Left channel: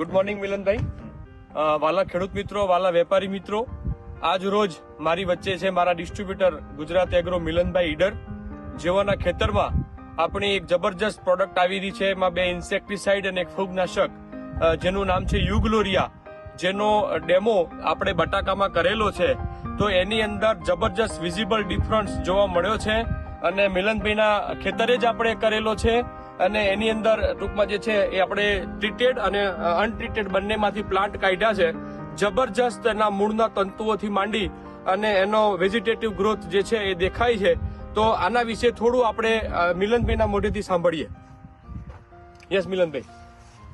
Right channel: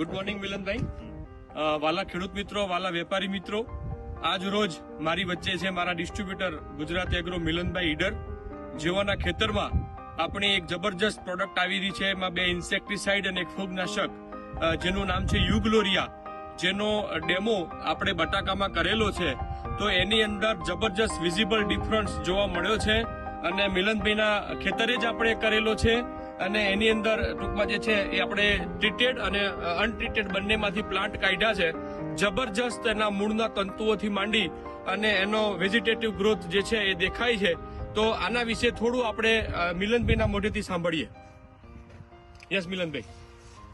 Good morning મિલનભાઈ. વાલા ખેડૂત મિત્રો, વાલા વેપારી મિત્રો, આજ રોજ મારી વચ્ચે છે મારા ડિસ્ટ્રીબ્યુટર ગુજરાત એગ્રો મિલનભાઈ ઈડર, જેઓના ખેતરમાં આપણી એક જબરજસ્ત પ્રોડક્ટ આવી રહી છે. એમાં 2 ઇન્સેક્ટિસાઇડ અને એક ફૂગનાશક, જેનું નામ છે યુગ્લોરિયા, જેનો ડેમો આપણે બટાકામાં કરેલો છે. તો એની અંદર જબરજસ્ત વિઝિબલ ડિફરન્સ જોવા મળ્યો છે અને મિલનભાઈના ખેતરે જ આપણે કરેલો છે. અને એની અંદર ટૂંકમાં જે છે એ આપણે ટ્રીટેડ અને અનટ્રીટેડ બંનેમાંથી પ્લાન્ટ કાઢ્યા છે. જબરજસ્ત એના મૂળના તંતુઓથી માંડી અને એનો વેજીટેટિવ ગ્રોથ જે છે એ દેખાય છે. તો આના વિશે થોડું આપણે મિલનભાઈના મોઢેથી સાંભળીએ. યસ મિલનભાઈ.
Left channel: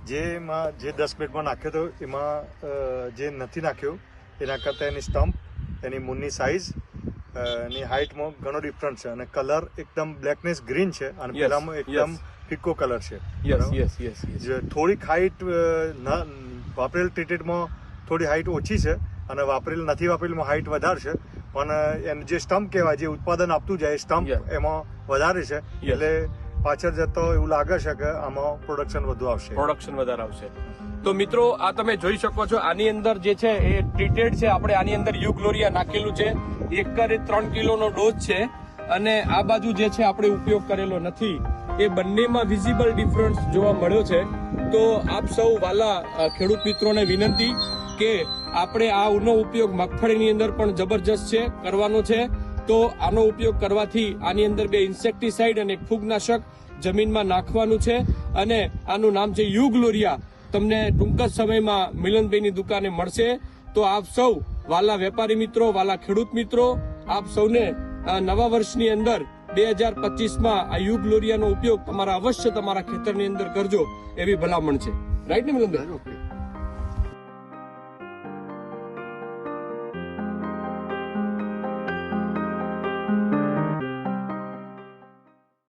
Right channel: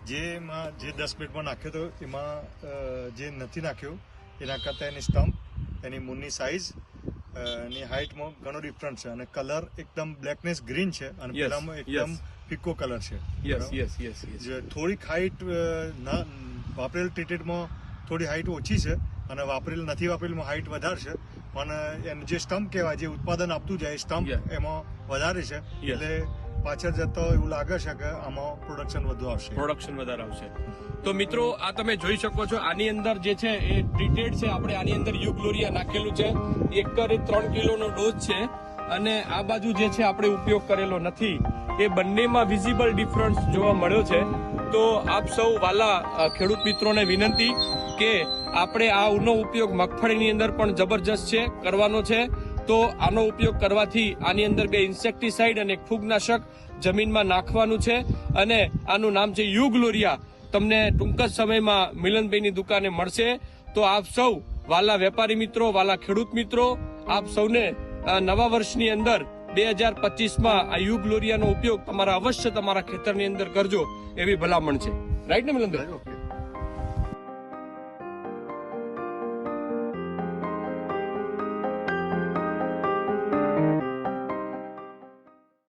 જે 10 મિનિટમાં નાખ્યો હતો એમાં જે નથી નાખ્યો એના કરતાં એની સ્ટમ્પ, એની મૂળની સાઇઝ, એની હાઇટમાં ઘણો ડિફરન્સ છે અને કલર એકદમ બ્લેકનેસ ગ્રીન છે અને પેલામાં એકદમ ફિક્કો કલર છે. થોડીક હાઇટ વાપરેલ ટ્રીટેડમાં થોડી હાઇટ ઓછી છે અને નથી વાપરેલમાં હાઇટ વધારે છે. પણ એનું જે સ્ટમ્પ કહેવાય, જે ઉત્પાદન આપતું જાય સ્ટમ્પ એમાં વધારે છે. એટલે પાછળ જતો એવું લાગે છે કે આમાં પ્રોડક્શન વધારે આવશે. તો મિત્રો, આ તમે જોઈ શકો છો, આની અંદર જે છે એ ટ્રીટેડ છે. આપણે આની અંદર યુગ્લોરિયા નાખેલું છે. એકરે 3 કિલોનો ડોઝ છે અને આ બાજુ જે છે આપણે ઉપયોગ કરેલો નથી. એ બંનેમાં વિઝિબલ ડિફરન્સ જોવા મળ્યો છે. તો આપ સૌ વાલા ખેડૂત મિત્રોને વિનંતી કે આપણે આનો ઉપયોગ મગફળીની અંદર પણ જબરજસ્ત છે કરવાનો છે. તો આનો ઉપયોગ કરવાથી આની અંદર 2 ઇન્સેક્ટિસાઇડ અને એક ફૂગનાશક જમીનમાં નાખવાનું છે અને આનું નામ છે યુગ્લોરિયા. તમને ટૂંક જ સમયમાં મિલનભાઈની દુકાને મળશે. તો આપ સૌ વાલા વેપારી મિત્રો, વાલા ખેડૂત મિત્રો, આપ સૌને નવા વર્ષની અંદર 2025માં આ યુગ્લોરિયાનો ઉપયોગ અવશ્ય તમારા ખેતરની અંદર કરજો એવી ભલામણ છે. રાઈટ ને મિલનભાઈ?